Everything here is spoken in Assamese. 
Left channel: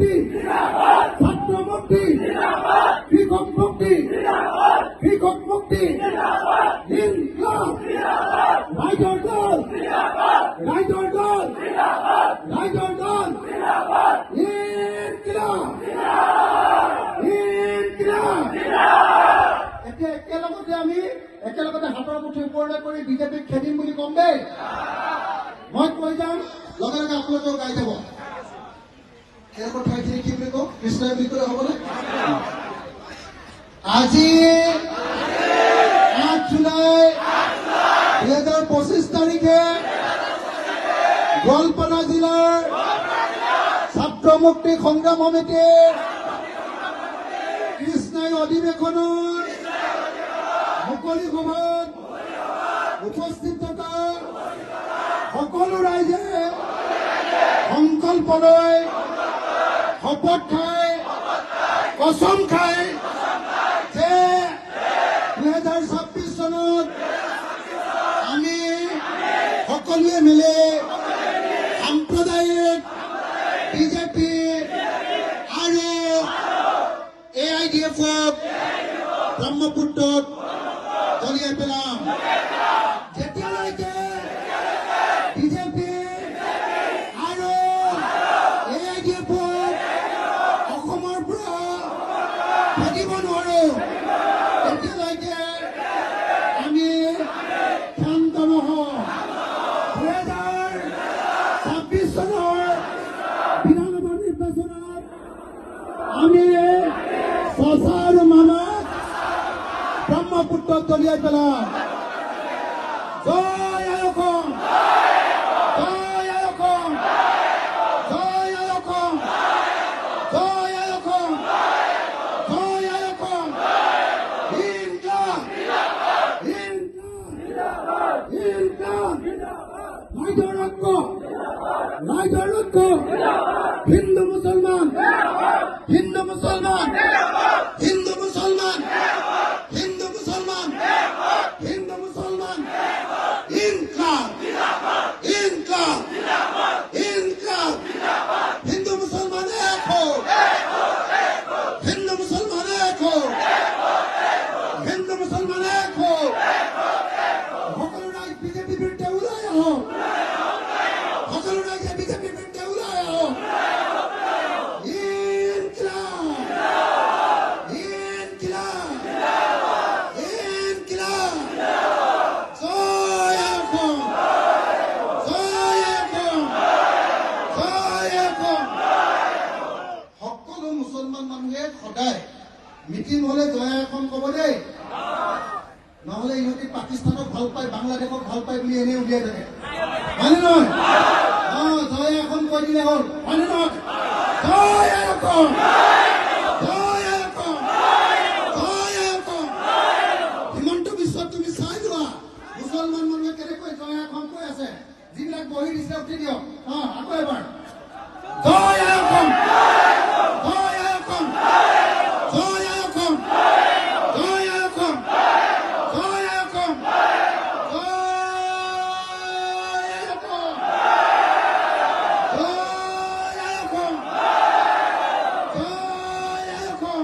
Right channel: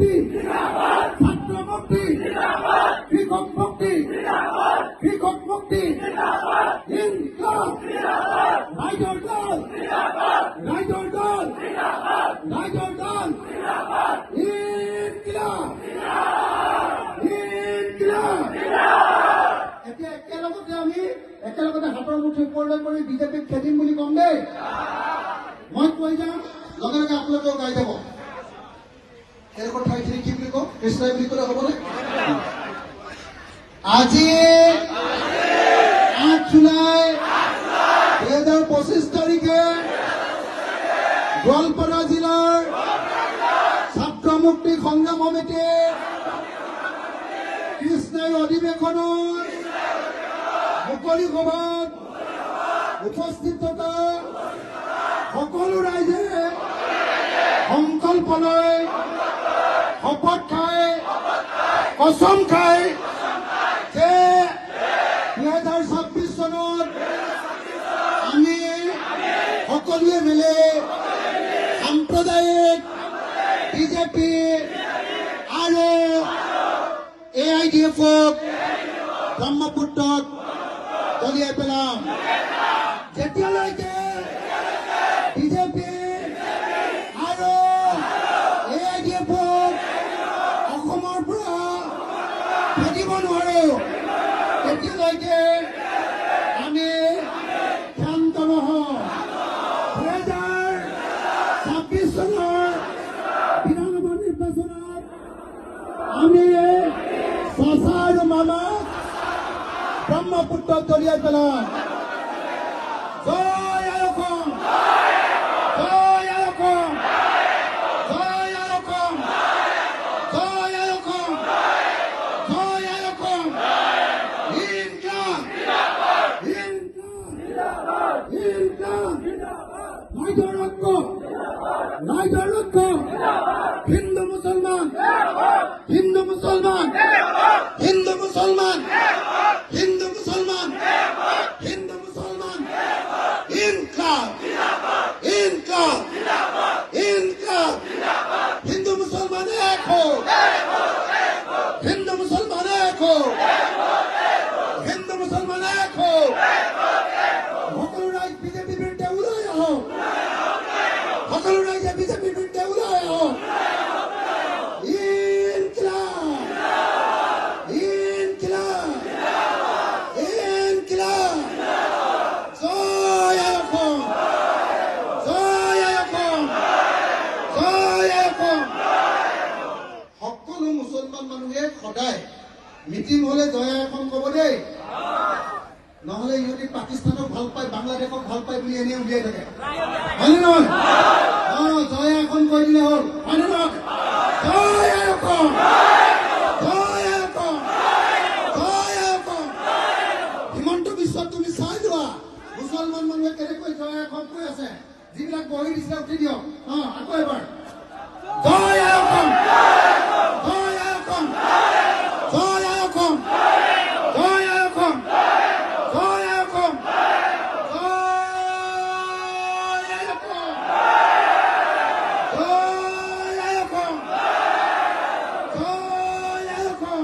মুক্তি, ছাত্র মুক্তি, শিক্ষক মুক্তি, শিক্ষক মুক্তি, ইনকলাব, রাইটার দল, রাইটার দল, রাইটার দল, ইনকলাব, ইনকলাব। একেলগতে আমি একেলগতে হাতৰ মুঠি ওপৰলৈ কৰি বিজেপিক খেদিম বুলি কম দেই। মই কৈ যাম, লগে লগে আপোনালোকেও গাই যাব। তেওঁলোকৰ ঠাইখিনি কি বুলি কওঁ, কৃষ্ণই বুলি ক'লে হ'বনে? আজি 8 জুলাই 2025 তাৰিখে গোৱালপাৰা জিলাৰ ছাত্ৰ মুক্তি সংগ্ৰাম সমিতিৰ কৃষ্ণাই অধিৱেশনৰ মুকলি সভাত উপস্থিত থকা সকলো ৰাইজে সংকল্প লৈ শপত খাই কচম খাই যে 2026 চনত আমি সকলোৱে মিলি সাম্প্ৰদায়িক বিজেপি আৰু AIDF-ক ব্ৰহ্মপুত্ৰত দলিয়াই পেলাম। যেতিয়ালৈকে বিজেপি আৰু AIDF-ক অসমৰ পৰা খেদিব নোৱাৰো, তেতিয়ালৈকে আমি শান্ত নহওঁ। 2026 চনৰ বিধানসভা নিৰ্বাচনত আমি চাচা আৰু মামাক ব্ৰহ্মপুত্ৰত দলিয়াই পেলাম। জয় আই অসম, জয় আই অসম, জয় আই অসম, জয় আই অসম, জয় আই অসম। ইনকলাব, ইনকলাব, ইনকলাব। রাইটার ঐক্য, রাইটার ঐক্য, হিন্দু মুসলমান, হিন্দু মুসলমান, হিন্দু মুসলমান, হিন্দু মুসলমান, হিন্দু মুসলমান। ইনকলাব, ইনকলাব, ইনকলাব। হিন্দু মুসলমান এক হোক, হিন্দু মুসলমান এক হোক, হিন্দু মুসলমান এক হোক। সকলো ৰাইজ বিজেপিৰ বিৰুদ্ধে ওলাই আহক, সকলো ৰাইজে বিজেপিৰ বিৰুদ্ধে ওলাই আহক। ইনকলাব, ইনকলাব, ইনকলাব। জয় অসম, জয় অসম, জয় অসম। সকলো মুছলমান মানুহে সদায় মিটিং হলে জয় অসম ক'ব দেই, নহলে ইহঁতি পাকিস্তানক ভাল পায়, বাংলাদেশক ভাল পায় বুলি এনেই উলিয়াই থাকে, হয়নে নহয়? জয় অসম কৈ দিলে হ'ল, হয়নে নহয়? জয় অসম, জয় অসম, জয় অসম। হিমন্ত বিশ্বত তুমি চাই যোৱা মুছলমান মানুহে কেনেকৈ জয় অসম কৈ আছে। যিবিলাক বহি দিছে উঠি দিয়ক, আকৌ এবাৰ জয় অসম, জয় অসম, জয় অসম, জয় অসম, জয় অসম, জয় অসম, জয় অসম, জয় অসম।